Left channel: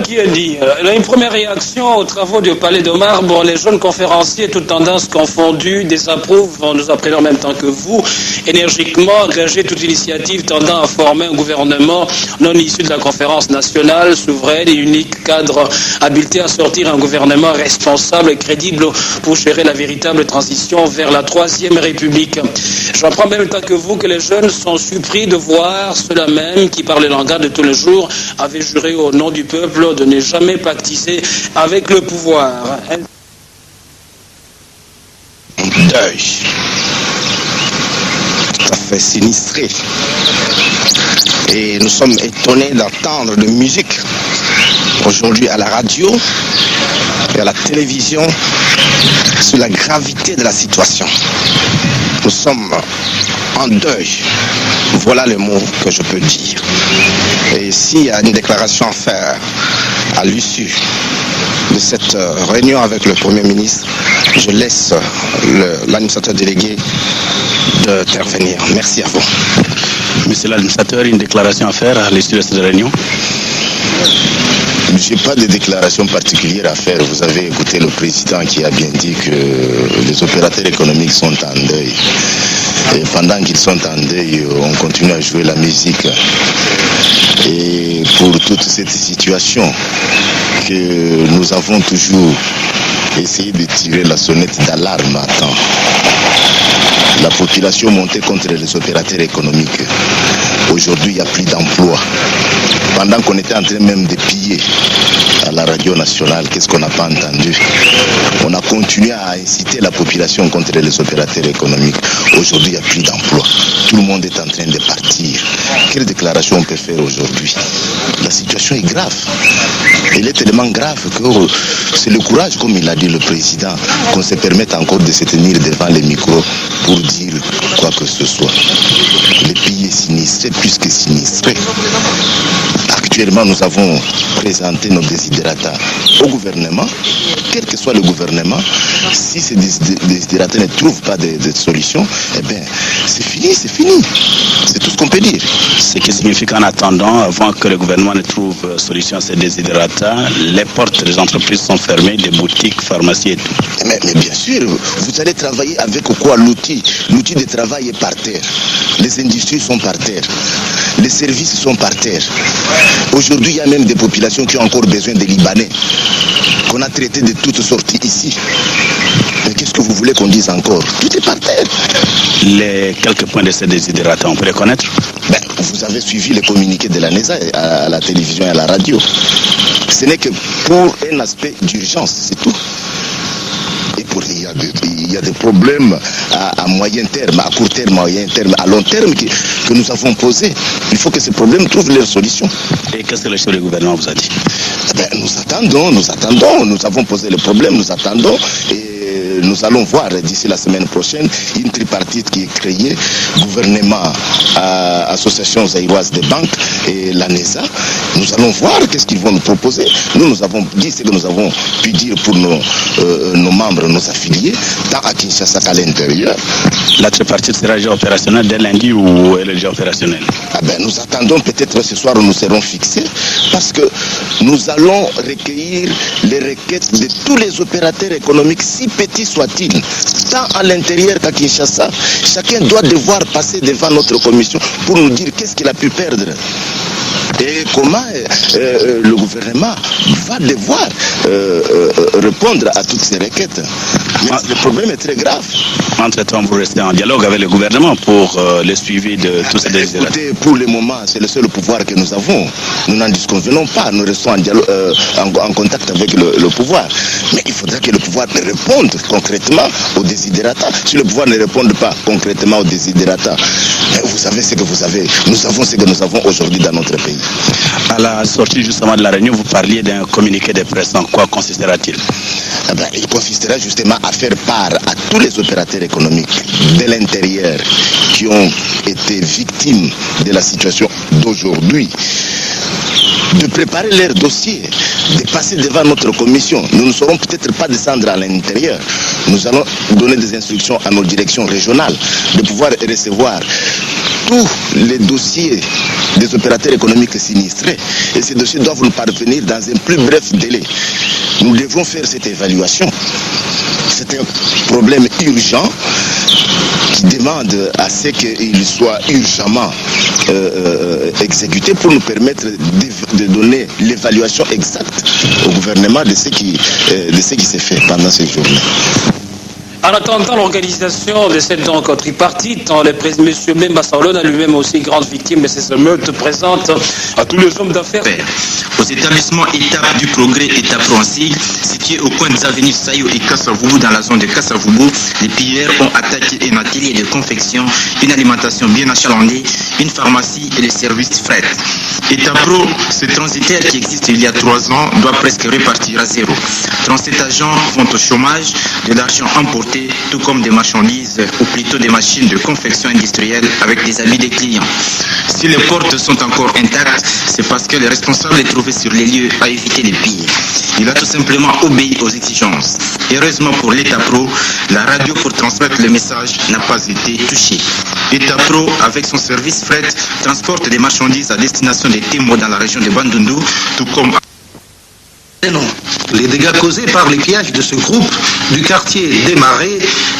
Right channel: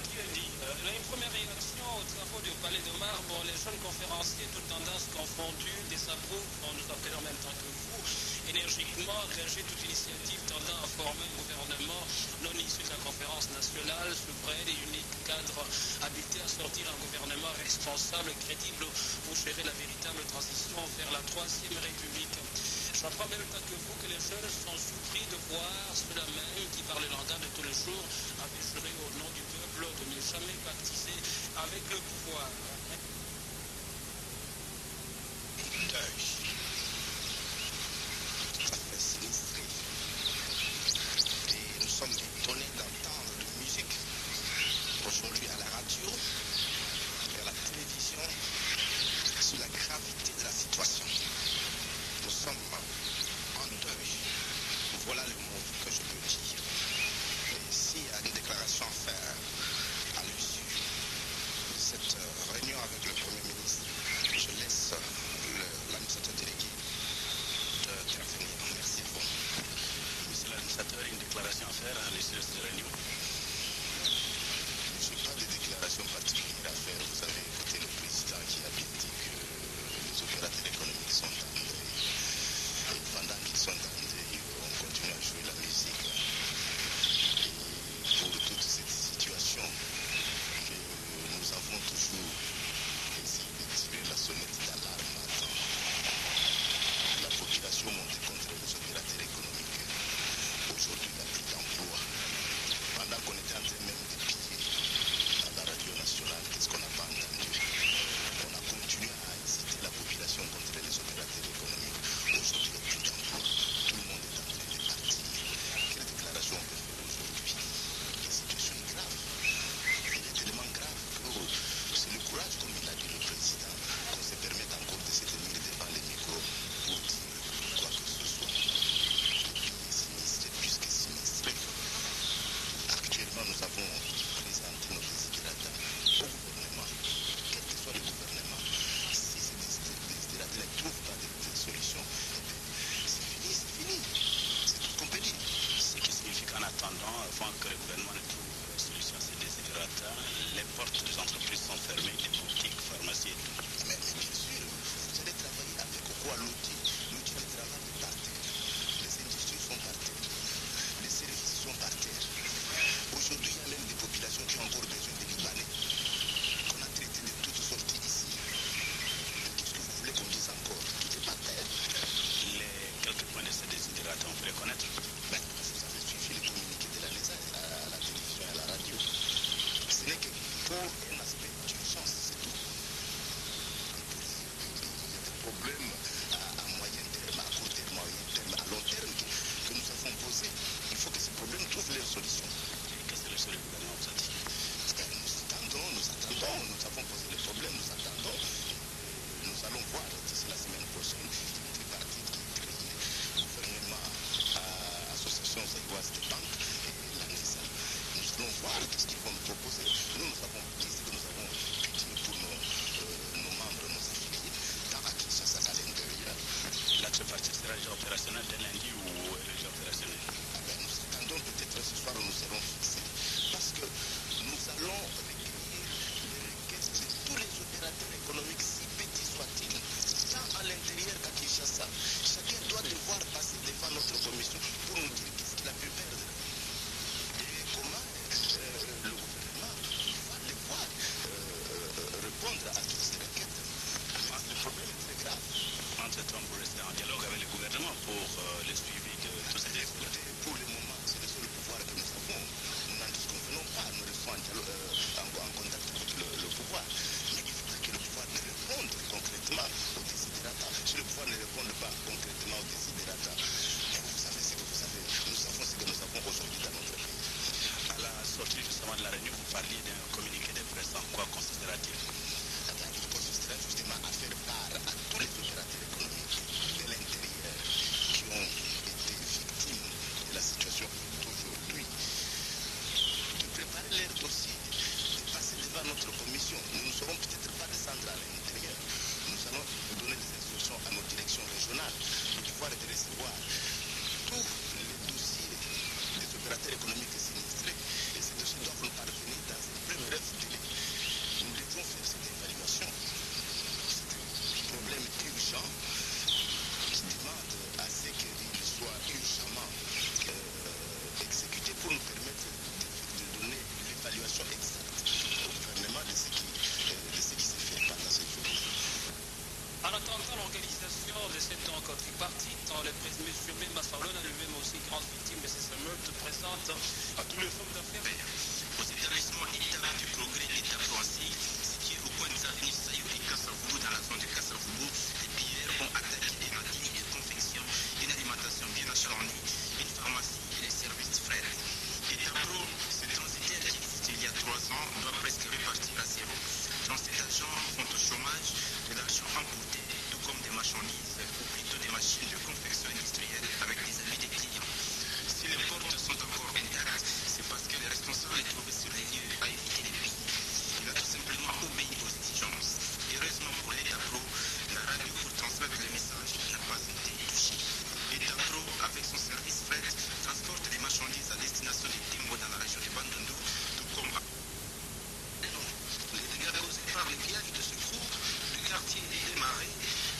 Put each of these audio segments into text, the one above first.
Qui a dit une première réaction aux travaux du Palais de Marbre, les jeunes conférenciers, toutes tendances confondues, désapprouvent, nous apprenons en même temps que vous, énergiquement engager toute initiative tendant à former un gouvernement non issu de la conférence nationale, souveraine et unique cadre habilité à sortir un gouvernement responsable et crédible pour gérer la véritable transition vers la Troisième République. J'apprends en même temps que vous que les jeunes sont surpris de voir ceux-là même qui, par le langage de tous les jours, avaient juré au nom du peuple de ne jamais pactiser avec le pouvoir. Un deuil tout à fait sinistré. Et nous sommes étonnés d'entendre de musique aujourd'hui à la radio et à la télévision sur la gravité de la situation. Nous sommes en deuil. Voilà le mot que je peux dire. Et s'il y a une déclaration à faire à l'issue de cette réunion avec le Premier ministre, je laisse l'administrateur délégué d'intervenir. Merci à vous. Monsieur l'administrateur, une déclaration à faire à l'issue de cette réunion? Je n'ai pas de déclaration particulière à faire. Vous avez écouté le président qui a bien dit que les opérateurs économiques sont en deuil. Et pendant qu'ils sont en deuil, on continue à jouer la musique. Et pour toute cette situation que nous avons toujours essayé de tirer la sonnette d'alarme à temps, la population montait contre les opérateurs économiques. Aujourd'hui, il n'y a plus d'emploi. Pendant qu'on était en train même de piller à la radio nationale, qu'est-ce qu'on n'a pas entendu? On a continué à inciter la population contre les opérateurs économiques. Aujourd'hui, il n'y a plus d'emploi. Tout le monde est en train de partir. Quelle déclaration on peut faire aujourd'hui? La situation est grave. Elle est tellement grave que c'est le courage, comme il a dit le président, qu'on se permette encore de se tenir devant les micros pour dire quoi que ce soit. Le pays est sinistré, plus que sinistré. Actuellement, nous avons présenté nos desiderata au gouvernement. Quel que soit le gouvernement, si ces desiderata ne trouvent pas de solution, eh bien, c'est fini, c'est fini. C'est tout ce qu'on peut dire. Ce qui signifie qu'en attendant, avant que le gouvernement ne trouve solution à ces desiderata, les portes des entreprises sont fermées, des boutiques, pharmacies et tout. Mais bien sûr, vous allez travailler avec quoi? L'outil de travail est par terre. Les industries sont par terre. Les services sont par terre. Aujourd'hui, il y a même des populations qui ont encore besoin des Libanais, qu'on a traités de toutes sortes ici. Mais qu'est-ce que vous voulez qu'on dise encore? Tout est par terre. Les quelques points de ces desiderata, on peut les connaître? Vous avez suivi les communiqués de la NESA à la télévision et à la radio. Ce n'est que pour un aspect d'urgence, c'est tout. Et il y a des problèmes à moyen terme, à court terme, à moyen terme, à long terme que nous avons posés. Il faut que ces problèmes trouvent leur solution. Et qu'est-ce que le chef du gouvernement vous a dit? Nous attendons, nous avons posé le problème, nous attendons. Et nous allons voir d'ici la semaine prochaine une tripartite qui est créée, gouvernement, association zaïroise des banques et la NESA. Nous allons voir qu'est-ce qu'ils vont nous proposer. Nous avons dit ce que nous avons pu dire pour nos membres, nos affiliés, tant à Kinshasa qu'à l'intérieur. La tripartite sera déjà opérationnelle dès lundi ou elle est déjà opérationnelle? Nous attendons peut-être ce soir, nous serons fixés parce que nous allons recueillir les requêtes de tous les opérateurs économiques, si petits soient-ils, tant à l'intérieur qu'à Kinshasa. Chacun doit devoir passer devant notre commission pour nous dire qu'est-ce qu'il a pu perdre. Et comment le gouvernement va devoir répondre à toutes ces requêtes. Mais le problème est très grave. Entre-temps, vous restez en dialogue avec le gouvernement pour le suivi de tous ces désirats. Écoutez, pour le moment, c'est le seul pouvoir que nous avons. Nous n'en disconvenons pas. Nous restons en contact avec le pouvoir. Mais il faudra que le pouvoir réponde concrètement aux desiderata. Si le pouvoir ne répond pas concrètement aux desiderata, vous savez ce que vous avez. Nous avons ce que nous avons aujourd'hui dans notre pays. À la sortie justement de la réunion, vous parliez d'un communiqué de presse. En quoi consistera-t-il? Il consistera justement à faire part à tous les opérateurs économiques de l'intérieur qui ont été victimes de la situation d'aujourd'hui, de préparer leur dossier, de passer devant notre commission. Nous ne saurons peut-être pas descendre à l'intérieur. Nous allons donner des instructions à nos directions régionales de pouvoir recevoir tous les dossiers des opérateurs économiques sinistrés. Et ces dossiers doivent nous parvenir dans un plus bref délai. Nous devons faire cette évaluation. C'est un problème urgent qui demande à ce qu'il soit urgemment exécuté pour nous permettre de donner l'évaluation exacte au gouvernement de ce qui s'est fait pendant ces journées. En attendant l'organisation de cette donc tripartite, M. Memba Saolona, lui-même aussi grande victime de ces émeutes, présente à tous les hommes d'affaires. Aux établissements étapes du progrès et Tapronsi, situés au coin des avenues Sayo et Kassavoubou dans la zone de Kassavoubou, les pilleurs ont attaqué un atelier de confection, une alimentation bien achalandée, une pharmacie et les services fret. Etapro, ce transitaire qui existe il y a 3 ans, doit presque repartir à zéro. 37 agents vont au chômage, de l'argent emporté, tout comme des marchandises, ou plutôt des machines de confection industrielle avec des habits des clients. Si les portes sont encore intactes, c'est parce que le responsable est trouvé sur les lieux à éviter les pires. Il a tout simplement obéi aux exigences. Heureusement pour l'Etapro, la radio pour transmettre le message n'a pas été touchée. Etapro, avec son service fret, transporte des marchandises à destination des Témoins dans la région de Bandundu, tout comme... Non, les dégâts causés par les pillages de ce groupe du quartier des Marais,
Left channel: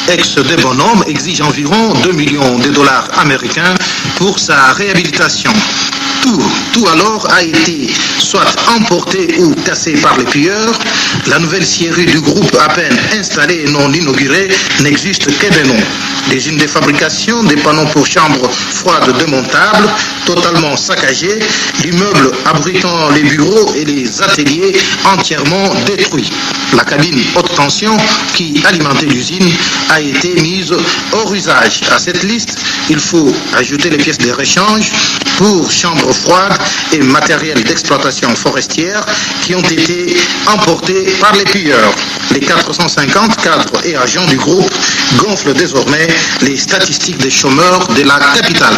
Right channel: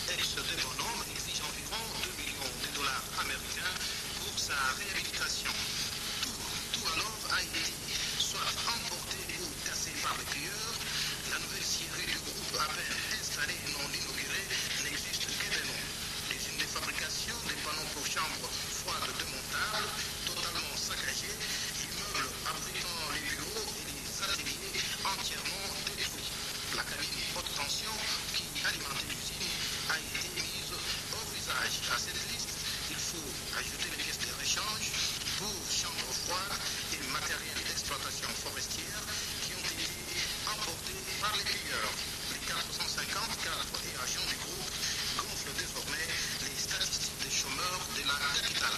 ex des Bonhommes, exigent environ 2 millions de dollars américains pour sa réhabilitation. Tout alors a été soit emporté ou cassé par les pilleurs. La nouvelle scierie du groupe, à peine installée et non inaugurée, n'existe que des noms. Des usines de fabrication, des panneaux pour chambres froides démontables, totalement saccagés, l'immeuble abritant les bureaux et les ateliers entièrement détruits. La cabine haute tension qui alimentait l'usine a été mise hors usage. À cette liste, il faut ajouter les pièces de réchange pour chambres froides et matériel d'exploitation forestière qui ont été emportés par les pilleurs. Les 450 cadres et agents du groupe gonflent désormais les statistiques des chômeurs de la capitale.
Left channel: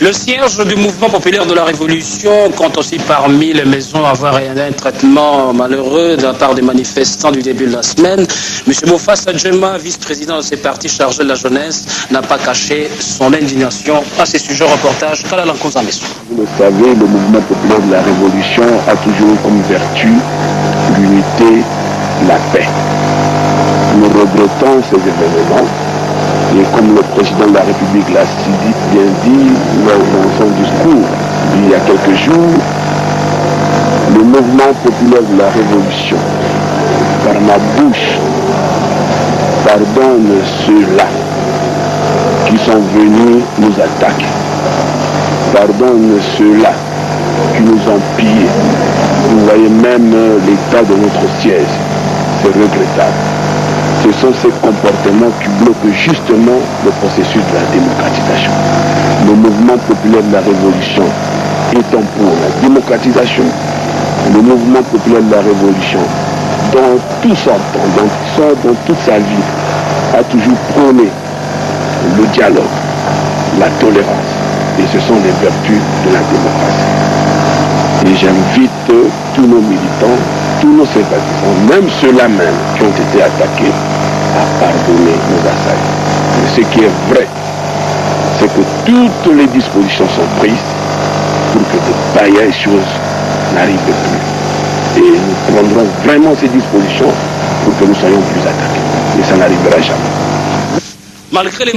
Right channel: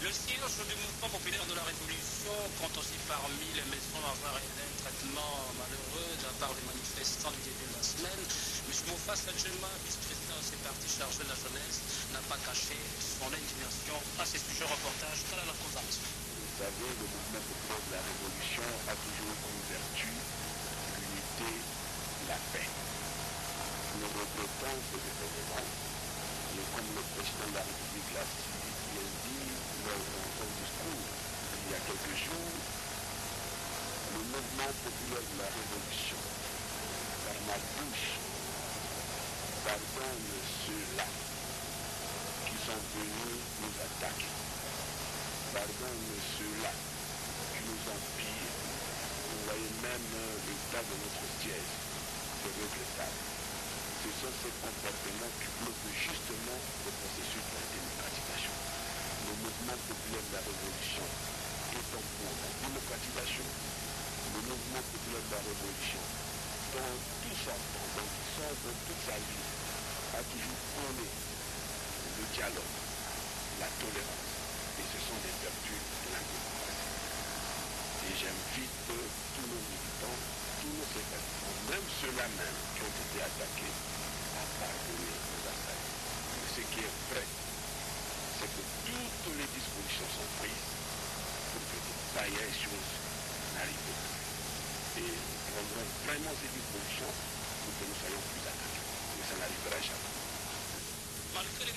Le siège du mouvement populaire de la Révolution compte aussi parmi les maisons avoir un traitement malheureux de la part des manifestants du début de la semaine. M. Mofassa Djema, vice-président de ces partis chargés de la jeunesse, n'a pas caché son indignation à ces sujets. Reportage Kalalankozameso. Vous le savez, le mouvement populaire de la Révolution a toujours comme vertu l'unité, la paix. Nous regrettons ces événements. Et comme le président de la République l'a bien dit lors de son discours il y a quelques jours, le mouvement populaire de la Révolution, par ma bouche, pardonne ceux-là qui sont venus nous attaquer. Pardonne ceux-là qui nous ont pillés. Vous voyez même l'état de notre siège. C'est regrettable. Ce sont ces comportements qui bloquent justement le processus de la démocratisation. Le mouvement populaire de la Révolution étant pour la démocratisation, le mouvement populaire de la Révolution, dans tout son temps, dans toute sa vie, a toujours prôné le dialogue, la tolérance. Et ce sont les vertus de la démocratie. Et j'invite tous nos militants, tous nos sympathisants, même ceux-là même qui ont été attaqués, à pardonner nos assaillants. Mais ce qui est vrai, c'est que toutes les dispositions sont prises pour que de pareilles choses n'arrivent plus. Et nous prendrons vraiment ces dispositions pour que nous soyons plus attaqués. Mais ça n'arrivera jamais. Malgré les